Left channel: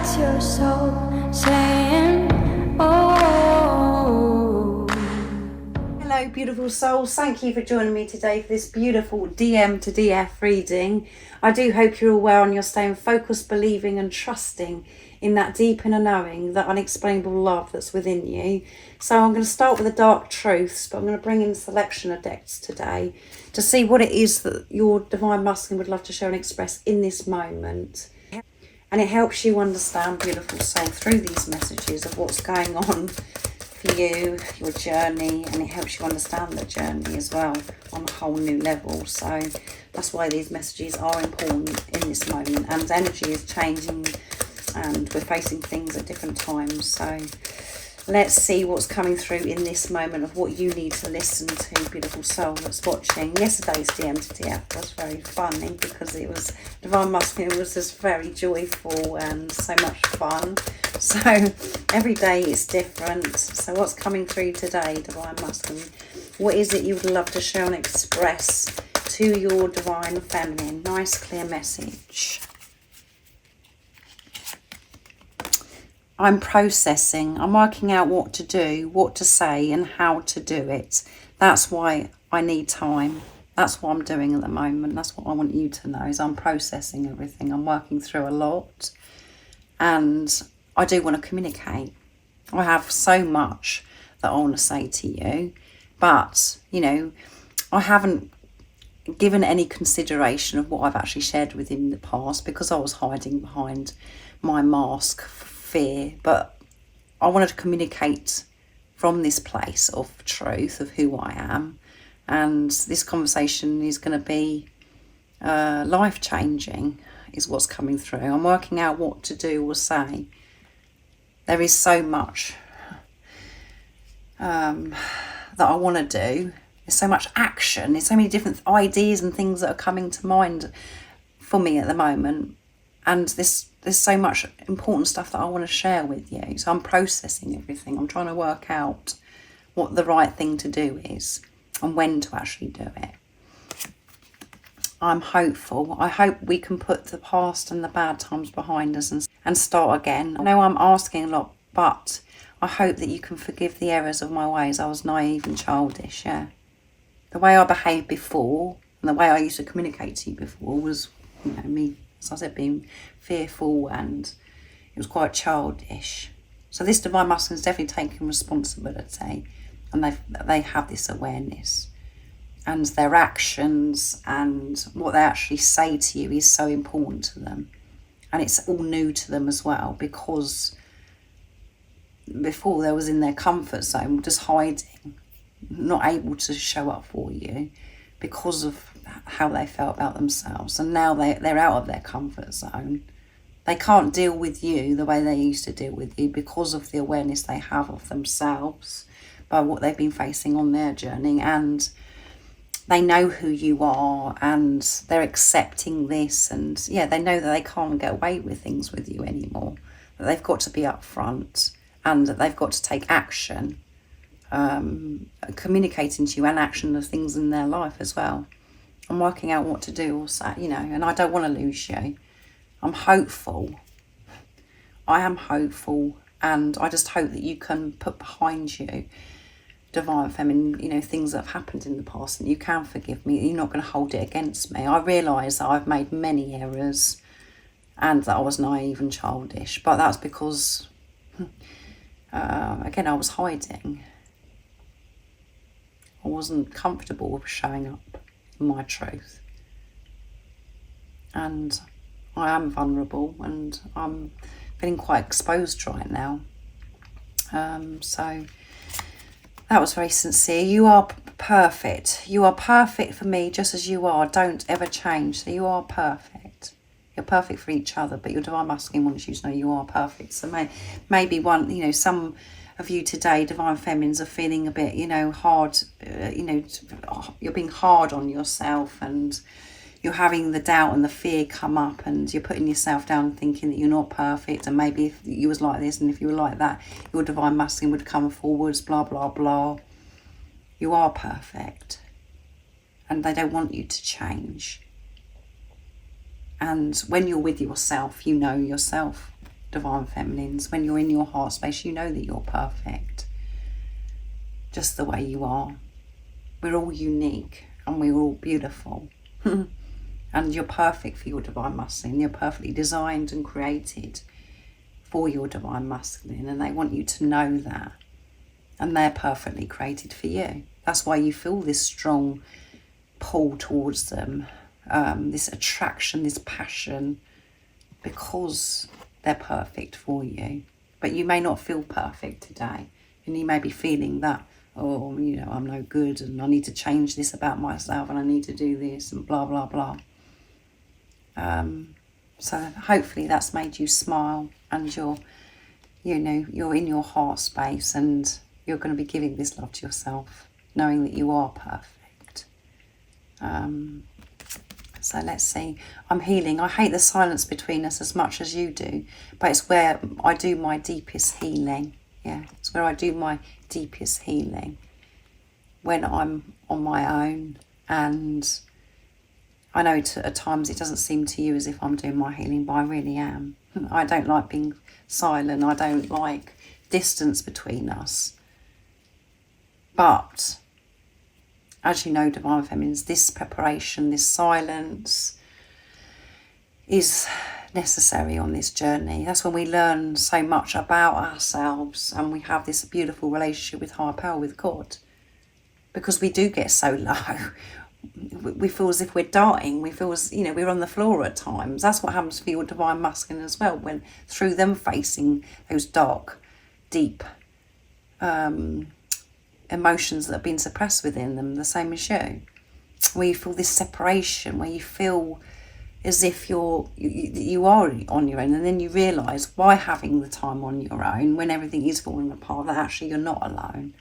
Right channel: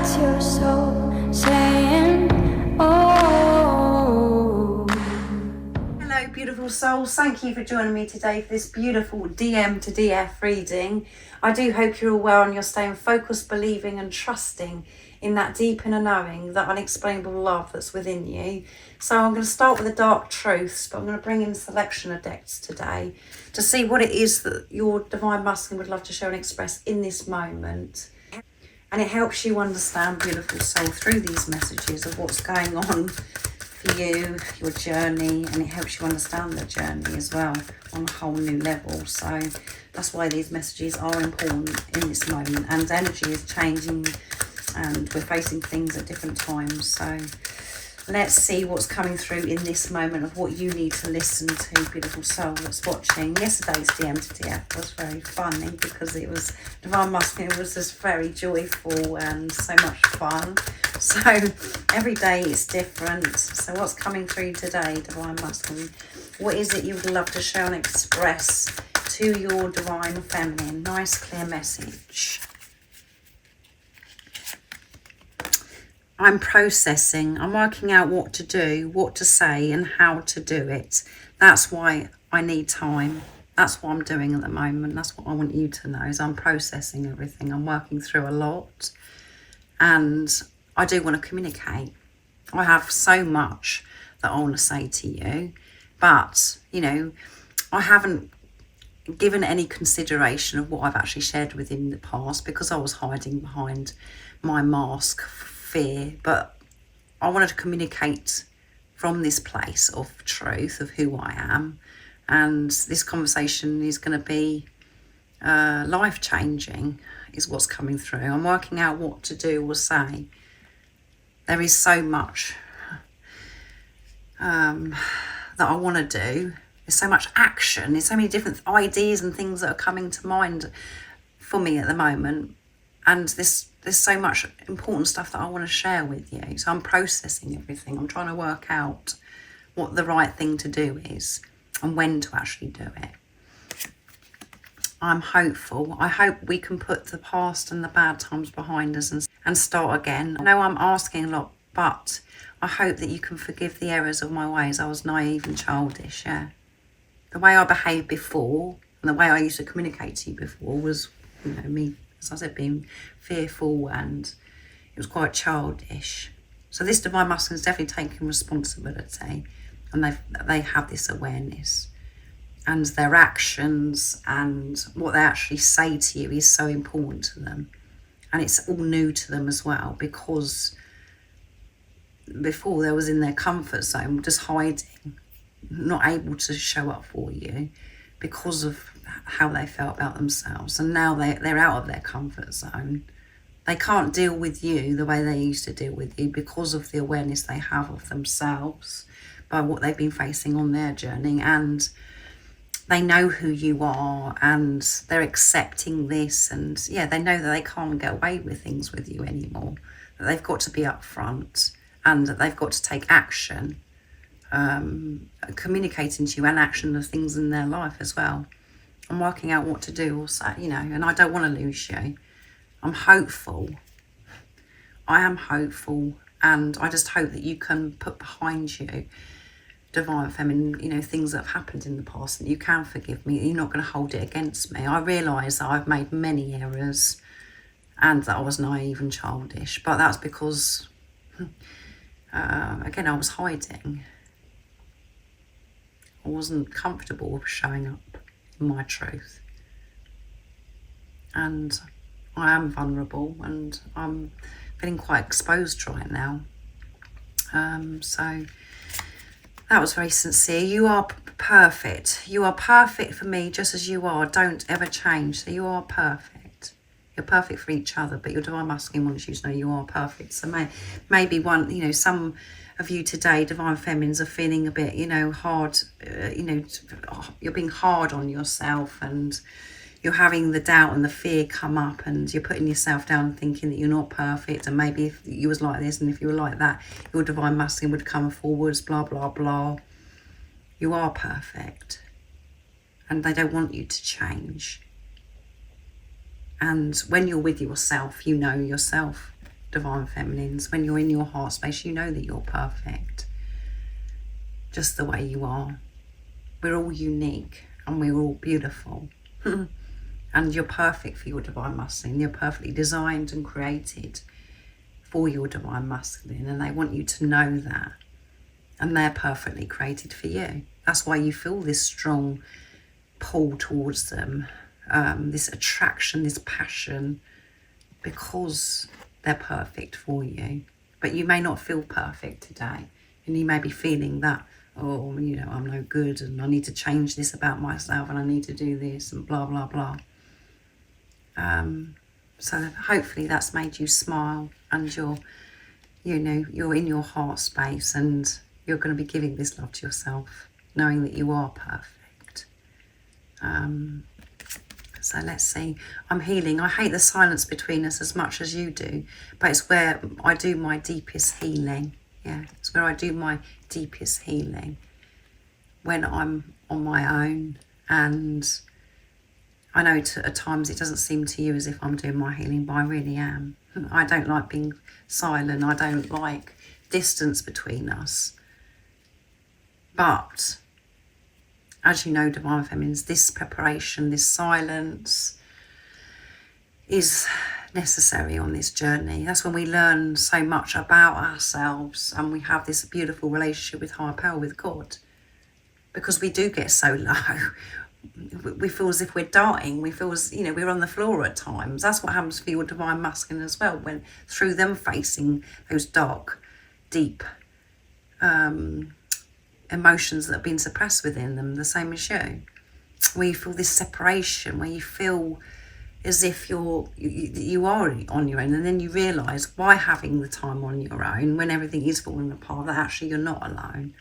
That's your soul saying, oh. Hello beautiful souls, thank you for joining me today for this beautiful DM to DF reading. I do hope you're all well and you're staying focused, believing and trusting in that deep inner knowing, that unexplainable love that's within you. So I'm going to start with the dark truths, but I'm going to bring in a selection of decks today to see what it is that your divine masculine would love to show and express in this moment. And it helps you understand, beautiful soul, through these messages of what's going on for you, your journey, and it helps you understand the journey as well on a whole new level. So that's why these messages are important in this moment, and energy is changing and we're facing things at different times. So let's see what's coming through in this moment of what you need to listen to, beautiful soul that's watching. Yesterday's DM to DF was very funny because it was, Divine Masculine was just very joyful and so much fun. So every day is different. So what's coming through today, Divine Masculine? What is it you would love to show and express to your Divine Feminine? Nice clear message. I'm processing, I'm working out what to do, what to say and how to do it. That's why I need time. That's what I'm doing at the moment. That's what I want you to know, is I'm processing everything. I'm working through a lot and I do want to communicate. I have so much that I want to say to you, but, you know, I haven't given any consideration of what I've actually shared with you in the past because I was hiding behind my mask fear. But I wanted to communicate from this place of truth of who I am, and this conversation is going to be life-changing is what's coming through. I'm working out what to do or say. There is so much that I want to do. There's so much action, there's so many different ideas and things that are coming to mind for me at the moment, and there's so much important stuff that I want to share with you. So I'm processing everything. I'm trying to work out what the right thing to do is and when to actually do it. I'm hopeful. I hope we can put the past and the bad times behind us and start again. I know I'm asking a lot, but I hope that you can forgive the errors of my ways. I was naive and childish, yeah. The way I behaved before and the way I used to communicate to you before was, you know, me, as I said, being fearful, and it was quite childish. So this Divine Masculine is definitely taking responsibility, and they have this awareness, and their actions and what they actually say to you is so important to them, and it's all new to them as well, because before they was in their comfort zone, just hiding, not able to show up for you because of how they felt about themselves, and now they're out of their comfort zone. They can't deal with you the way they used to deal with you because of the awareness they have of themselves by what they've been facing on their journey, and they know who you are and they're accepting this, and yeah, they know that they can't get away with things with you anymore, that they've got to be upfront and that they've got to take action, communicating to you and action of things in their life as well. I'm working out what to do also, you know, and I don't want to lose you. I'm hopeful. I am hopeful, and I just hope that you can put behind you, Divine Feminine, you know, things that have happened in the past, and you can forgive me. You're not going to hold it against me. I realise that I've made many errors and that I was naive and childish, but that's because, again, I was hiding. I wasn't comfortable with showing up in my truth, and I am vulnerable and I'm feeling quite exposed right now. So that was very sincere. You are perfect. You are perfect for me just as you are. Don't ever change. So you are perfect. You're perfect for each other, but your Divine Masculine wants you to know you are perfect. So maybe one, you know, some of you today, Divine Feminines, are feeling a bit, you know, hard, you know, you're being hard on yourself, and you're having the doubt and the fear come up, and you're putting yourself down and thinking that you're not perfect, and maybe if you was like this and if you were like that, your Divine Masculine would come forwards, blah, blah, blah. You are perfect, and they don't want you to change. And when you're with yourself, you know yourself. divine feminines. When you're in your heart space, you know that you're perfect, just the way you are. We're all unique and we're all beautiful. And you're perfect for your divine masculine. You're perfectly designed and created for your divine masculine, and they want you to know that. And they're perfectly created for you. That's why you feel this strong pull towards them, this attraction, this passion, because they're perfect for you. But you may not feel perfect today, and you may be feeling that, oh, you know, I'm no good, and I need to change this about myself, and I need to do this, and blah, blah, blah. So hopefully that's made you smile, and you're in your heart space, and you're going to be giving this love to yourself, knowing that you are perfect. So let's see. I'm healing. I hate the silence between us as much as you do, but it's where I do my deepest healing. Yeah, it's where I do my deepest healing, when I'm on my own. And I know at times it doesn't seem to you as if I'm doing my healing, but I really am. I don't like being silent. I don't like distance between us. But as you know, divine feminines, this preparation, this silence is necessary on this journey. That's when we learn so much about ourselves, and we have this beautiful relationship with higher power, with God. Because we do get so low, we feel as if we're dying. We feel as, we're on the floor at times. That's what happens for your divine masculine as well, when through them facing those dark, deep emotions that have been suppressed within them, the same as you, where you feel this separation, where you feel as if you are on your own, and then you realise, by having the time on your own, when everything is falling apart, that actually you're not alone.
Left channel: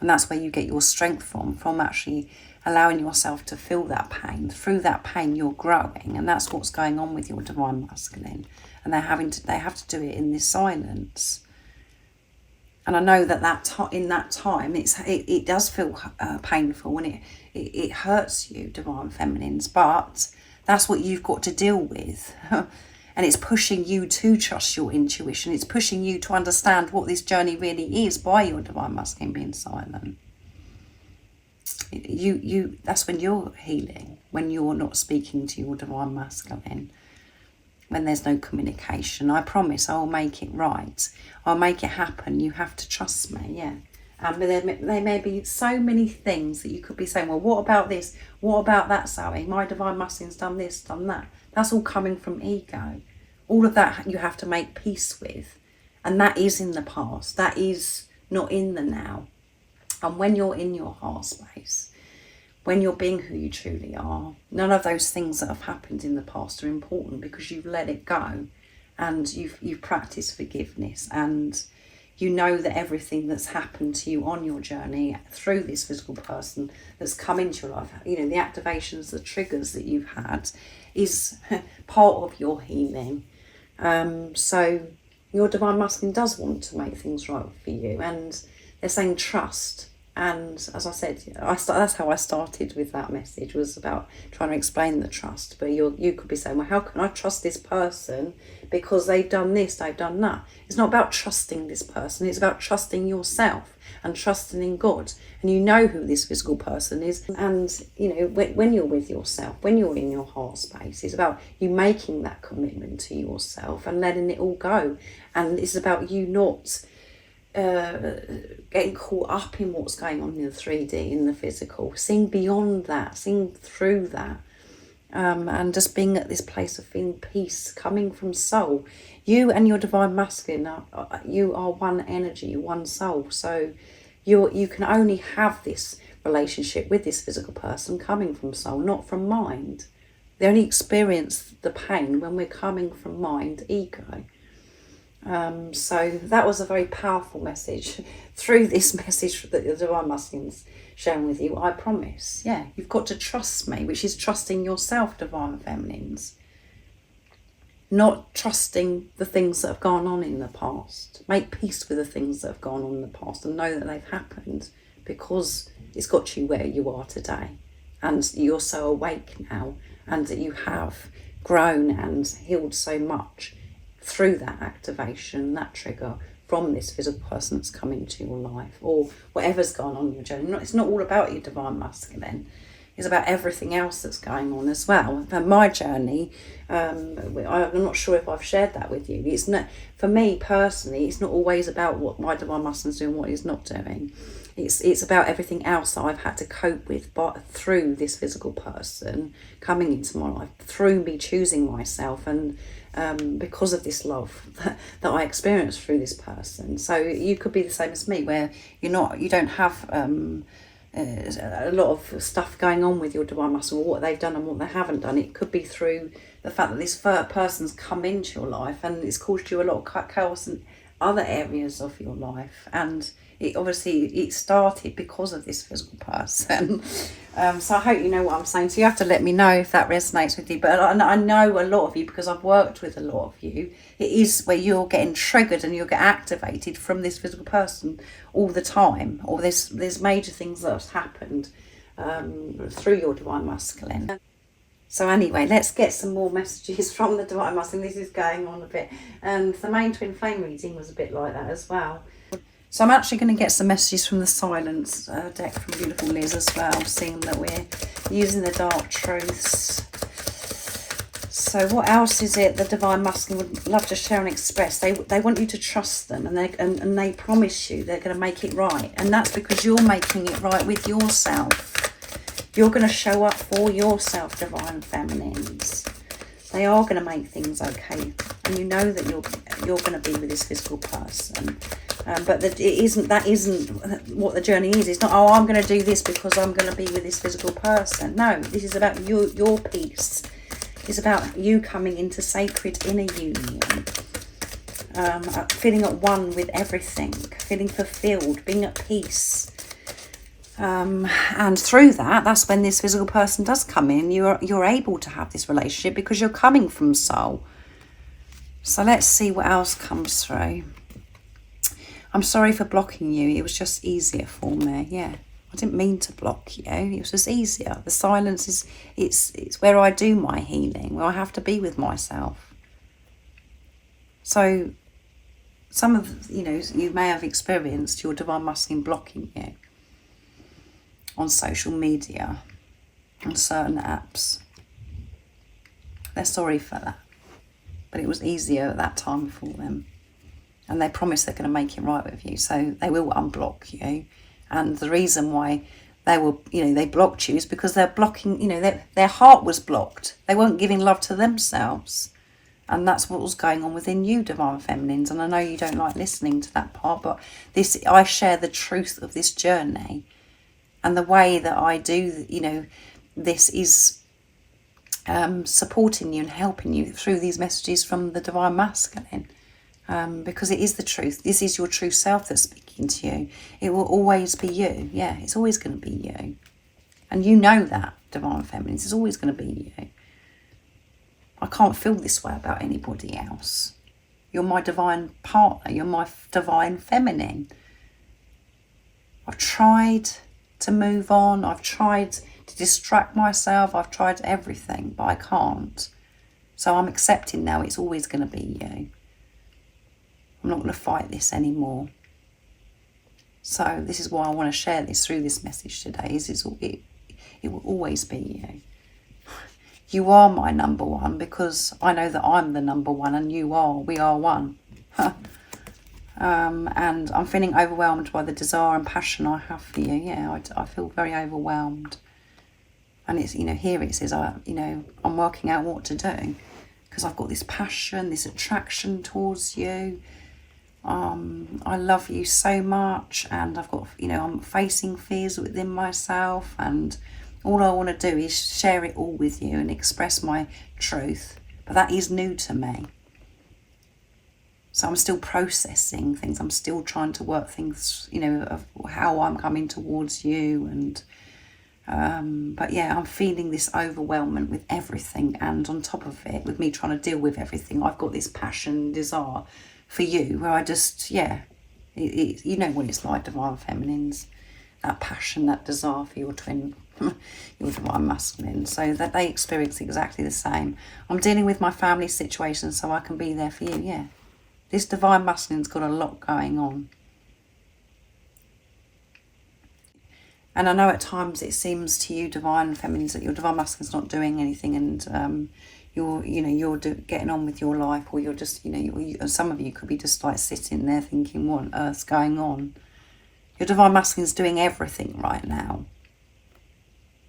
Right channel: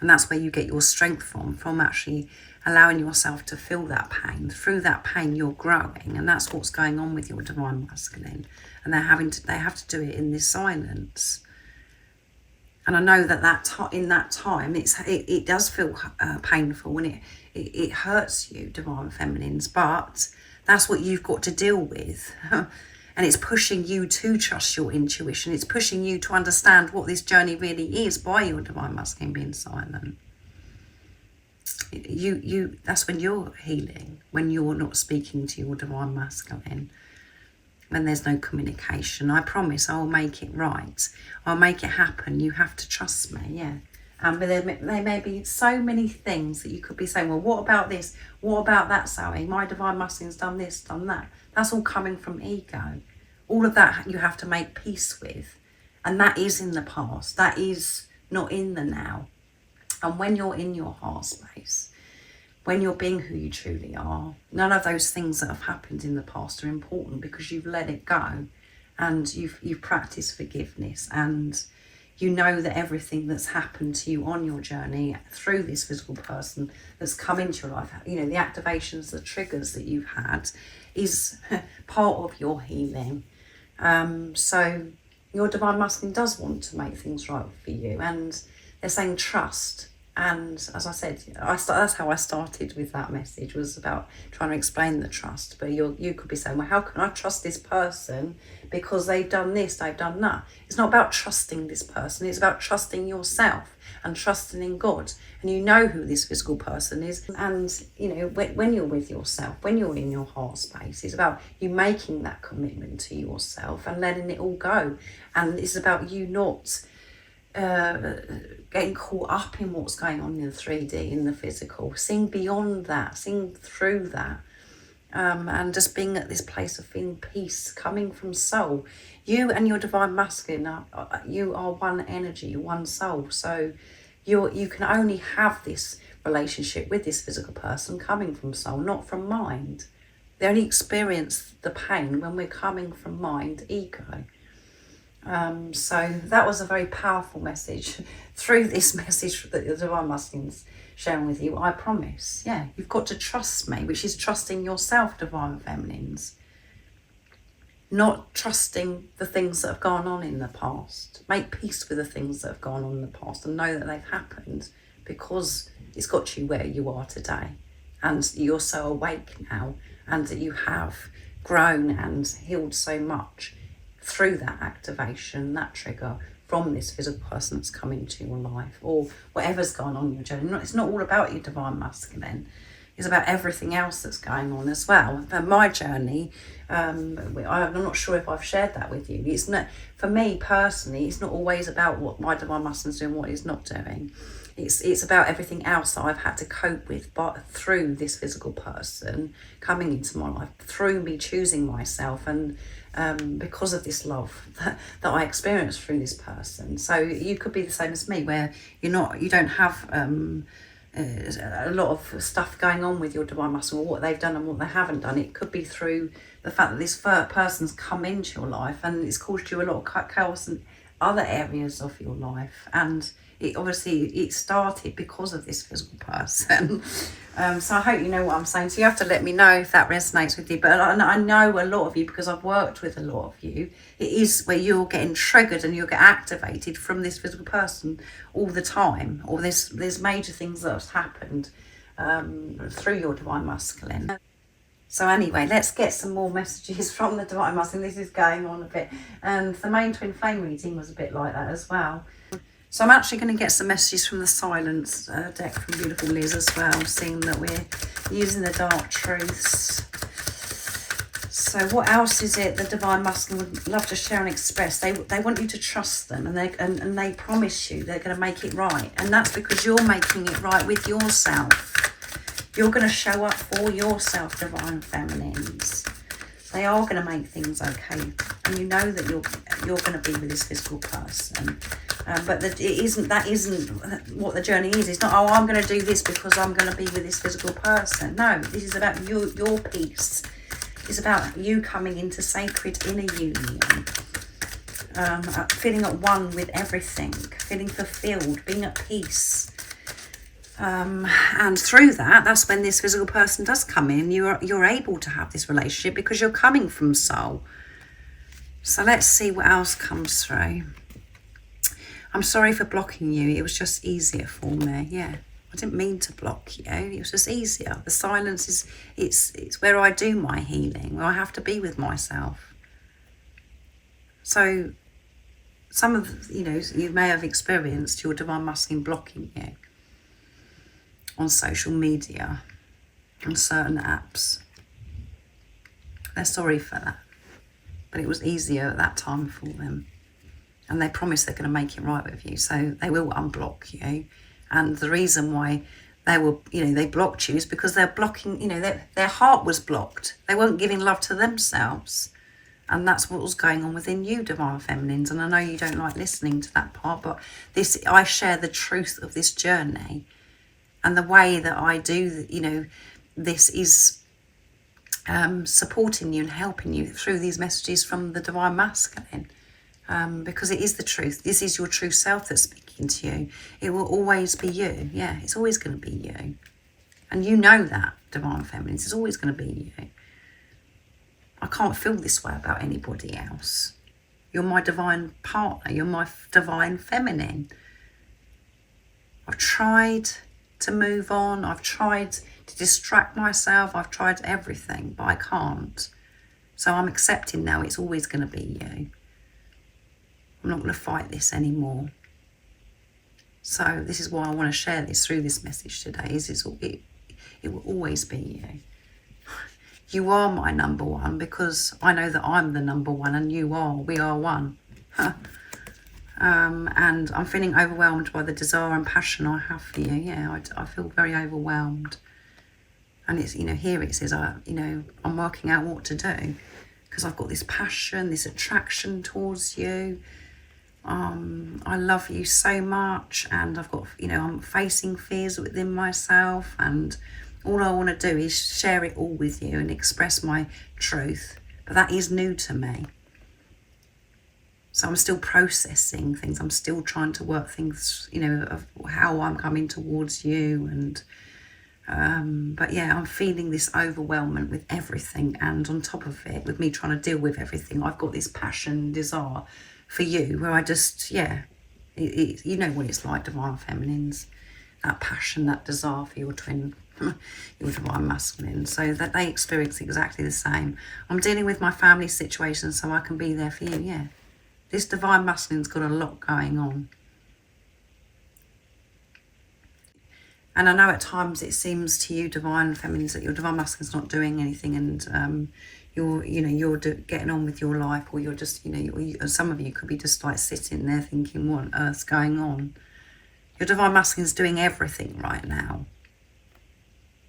And that's where you get your strength from actually allowing yourself to feel that pain. Through that pain, you're growing, and that's what's going on with your divine masculine. And they have to do it in this silence. And I know that in that time, it does feel painful, and it hurts you, divine feminines. But that's what you've got to deal with. And it's pushing you to trust your intuition. It's pushing you to understand what this journey really is by your divine masculine being silent. That's when you're healing, when you're not speaking to your divine masculine, when there's no communication. I promise I'll make it right. I'll make it happen. You have to trust me, yeah. And there may be so many things that you could be saying, well, what about this? What about that, Sally? My divine masculine's done this, done that. That's all coming from ego. All of that you have to make peace with. And that is in the past. That is not in the now. And when you're in your heart space, when you're being who you truly are, none of those things that have happened in the past are important, because you've let it go, and you've practiced forgiveness, and you know that everything that's happened to you on your journey through this physical person that's come into your life, the activations, the triggers that you've had, is part of your healing. So your divine masculine does want to make things right for you, and they're saying trust. And as I said, that's how I started with that message, was about trying to explain the trust. But you could be saying, well, how can I trust this person because they've done this, they've done that? It's not about trusting this person. It's about trusting yourself and trusting in God. And you know who this physical person is. And, when you're with yourself, when you're in your heart space, it's about you making that commitment to yourself and letting it all go. And it's about you not getting caught up in what's going on in the 3D, in the physical, seeing beyond that, seeing through that, and just being at this place of feeling peace coming from soul. You and your divine masculine you are one energy, one soul. So you can only have this relationship with this physical person coming from soul, not from mind. They only experience the pain when we're coming from mind, ego. So that was a very powerful message. Through this message that the divine masculine's sharing with you, I promise, you've got to trust me, which is trusting yourself, divine feminines, not trusting the things that have gone on in the past. Make peace with the things that have gone on in the past and know that they've happened, because it's got you where you are today, and you're so awake now, and that you have grown and healed so much through that activation, that trigger from this physical person that's come into your life, or whatever's gone on in your journey. It's not all about your divine masculine. It's about everything else that's going on as well. For my journey, I'm not sure if I've shared that with you. It's not, for me personally, it's not always about what my divine masculine's doing, what he's not doing. It's about everything else that I've had to cope with, but through this physical person coming into my life, through me choosing myself, and because of this love that I experienced through this person. So you could be the same as me, where you don't have a lot of stuff going on with your divine masculine, or what they've done and what they haven't done. It could be through the fact that this person's come into your life and it's caused you a lot of chaos in other areas of your life, and it started because of this physical person. So I hope you know what I'm saying. So you have to let me know if that resonates with you. But I know a lot of you, because I've worked with a lot of you, it is where you're getting triggered and you'll get activated from this physical person all the time, or there's major things that have happened through your divine masculine. So anyway, let's get some more messages from the divine masculine. This is going on a bit, and the main twin flame reading was a bit like that as well. So I'm actually going to get some messages from the silence deck from beautiful Liz as well, seeing that we're using the dark truths. So what else is it the divine masculine would love to share and express? They want you to trust them, and they promise you they're going to make it right, and that's because you're making it right with yourself. You're going to show up for yourself, divine feminines. They are going to make things okay, and you know that you're going to be with this physical person. But that isn't what the journey is. It's not, oh, I'm going to do this because I'm going to be with this physical person. No, this is about your peace. It's about you coming into sacred inner union, feeling at one with everything, feeling fulfilled, being at peace. And through that's when this physical person does come in. You're able to have this relationship because you're coming from soul. So let's see what else comes through. I'm sorry for blocking you. It was just easier for me. Yeah, I didn't mean to block you. It was just easier. The silence is it's where I do my healing, where I have to be with myself. So some of you may have experienced your divine masculine blocking you on social media, on certain apps. They're sorry for that, but it was easier at that time for them, and they promise they're going to make it right with you, so they will unblock you. And the reason why they blocked you is because they're blocking, their heart was blocked. They weren't giving love to themselves, and that's what was going on within you, divine feminines. And I know you don't like listening to that part, but I share the truth of this journey. And the way that I do, this is supporting you and helping you through these messages from the divine masculine, because it is the truth. This is your true self that's speaking to you. It will always be you. Yeah, it's always going to be you. And you know that, divine feminines. It's always going to be you. I can't feel this way about anybody else. You're my divine partner. You're my divine feminine. I've tried to move on. I've tried to distract myself. I've tried everything, but I can't. So I'm accepting now it's always going to be you. I'm not going to fight this anymore. So this is why I want to share this through this message today. It will always be you. You are my number one, because I know that I'm the number one and you are. We are one. And I'm feeling overwhelmed by the desire and passion I have for you. Yeah, I feel very overwhelmed. And it's, here it says, I'm working out what to do, because I've got this passion, this attraction towards you. I love you so much, and I've got, I'm facing fears within myself, and all I want to do is share it all with you and express my truth. But that is new to me. So I'm still processing things. I'm still trying to work things, of how I'm coming towards you. And but yeah, I'm feeling this overwhelmment with everything. And on top of it, with me trying to deal with everything, I've got this passion, desire for you, where I just, you know what it's like, divine feminines. That passion, that desire for your twin your divine masculine, so that they experience exactly the same. I'm dealing with my family situation so I can be there for you. Yeah, this divine masculine's got a lot going on. And I know at times it seems to you divine feminines that your divine masculine's not doing anything, and you're getting on with your life, or you're just, some of you could be just like sitting there thinking, what on earth's going on? Your divine masculine's doing everything right now.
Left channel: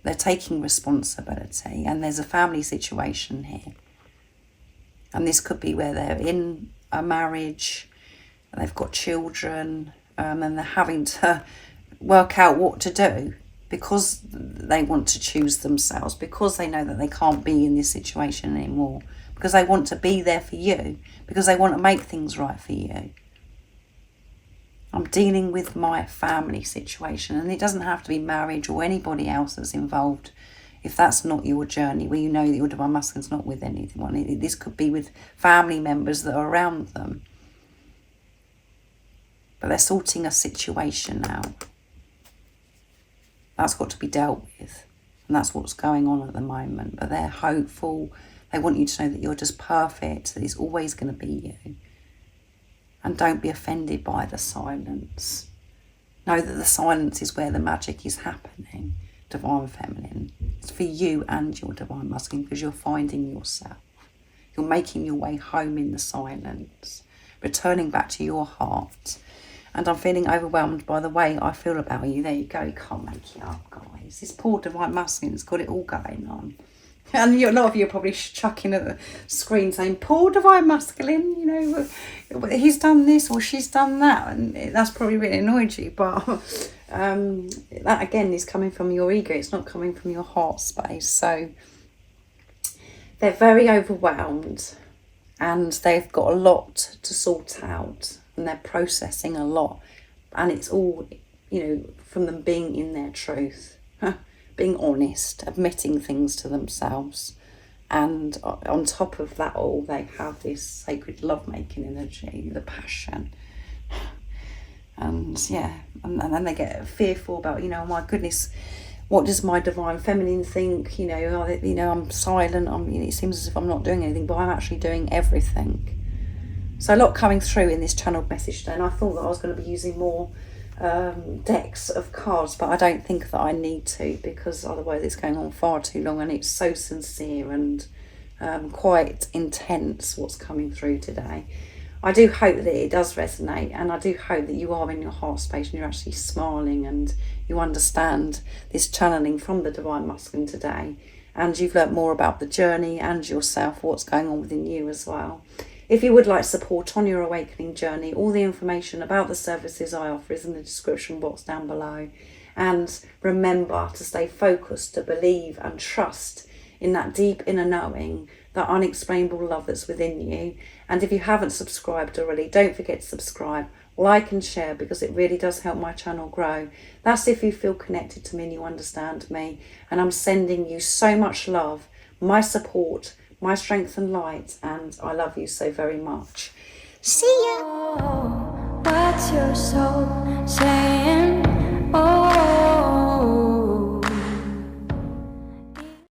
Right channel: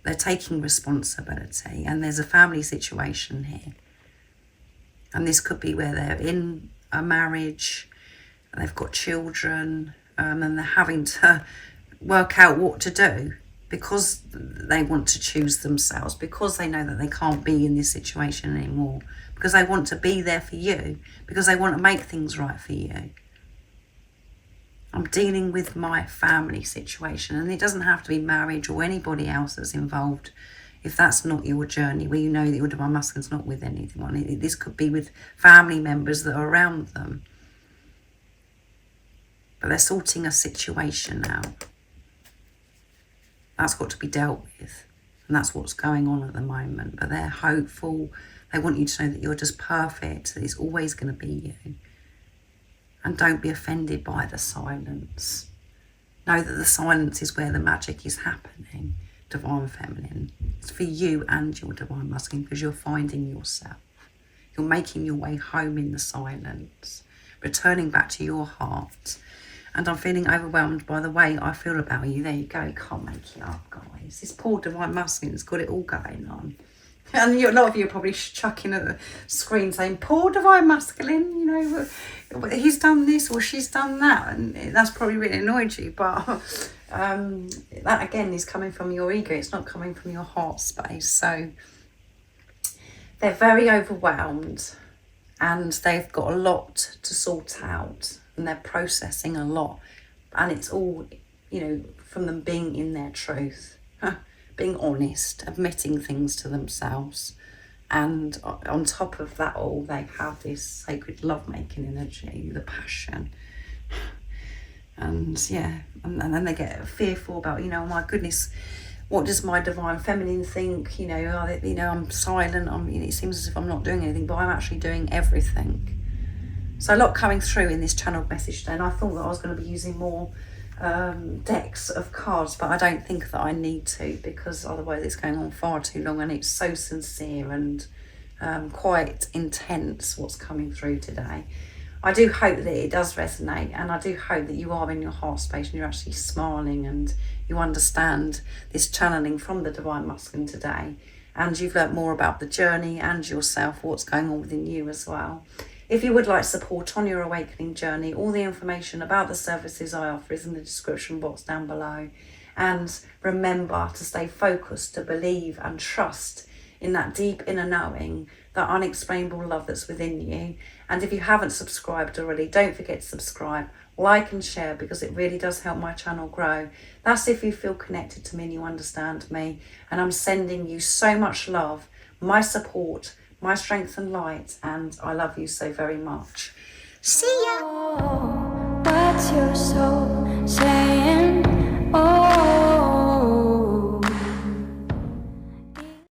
They're taking responsibility, and there's a family situation here. And this could be where they're in a marriage, and they've got children, and they're having to work out what to do because they want to choose themselves, because they know that they can't be in this situation anymore, because they want to be there for you, because they want to make things right for you. I'm dealing with my family situation, and it doesn't have to be marriage or anybody else that's involved. If that's not your journey, where you know that your divine masculine's not with anyone, this could be with family members that are around them. But they're sorting a situation out. That's got to be dealt with, and that's what's going on at the moment. But they're hopeful. They want you to know that you're just perfect, that it's always going to be you. And don't be offended by the silence. Know that the silence is where the magic is happening, divine feminine. It's for you and your divine masculine, because you're finding yourself. You're making your way home in the silence, returning back to your heart. And I'm feeling overwhelmed by the way I feel about you. There you go, you can't make it up, guys. This poor divine masculine's got it all going on. And a lot of you are probably chucking at the screen saying, poor divine masculine, he's done this or she's done that. And that's probably really annoyed you. But that, again, is coming from your ego. It's not coming from your heart space. So they're very overwhelmed, and they've got a lot to sort out, and they're processing a lot. And it's all, from them being in their truth. Being honest, admitting things to themselves, and on top of that all, they have this sacred lovemaking energy, the passion, and then they get fearful about, oh my goodness, what does my divine feminine think? I'm silent. It seems as if I'm not doing anything, but I'm actually doing everything. So a lot coming through in this channeled message today, and I thought that I was going to be using more decks of cards, but I don't think that I need to, because otherwise it's going on far too long, and it's so sincere and quite intense what's coming through today. I do hope that it does resonate, and I do hope that you are in your heart space and you're actually smiling and you understand this channeling from the divine masculine today, and you've learnt more about the journey and yourself, what's going on within you as well. If you would like support on your awakening journey, all the information about the services I offer is in the description box down below. And remember to stay focused, to believe and trust in that deep inner knowing, that unexplainable love that's within you. And if you haven't subscribed already, don't forget to subscribe, like and share, because it really does help my channel grow. That's if you feel connected to me and you understand me. And I'm sending you so much love, my support, my strength and light, and I love you so very much. See ya! Oh, what's your soul saying?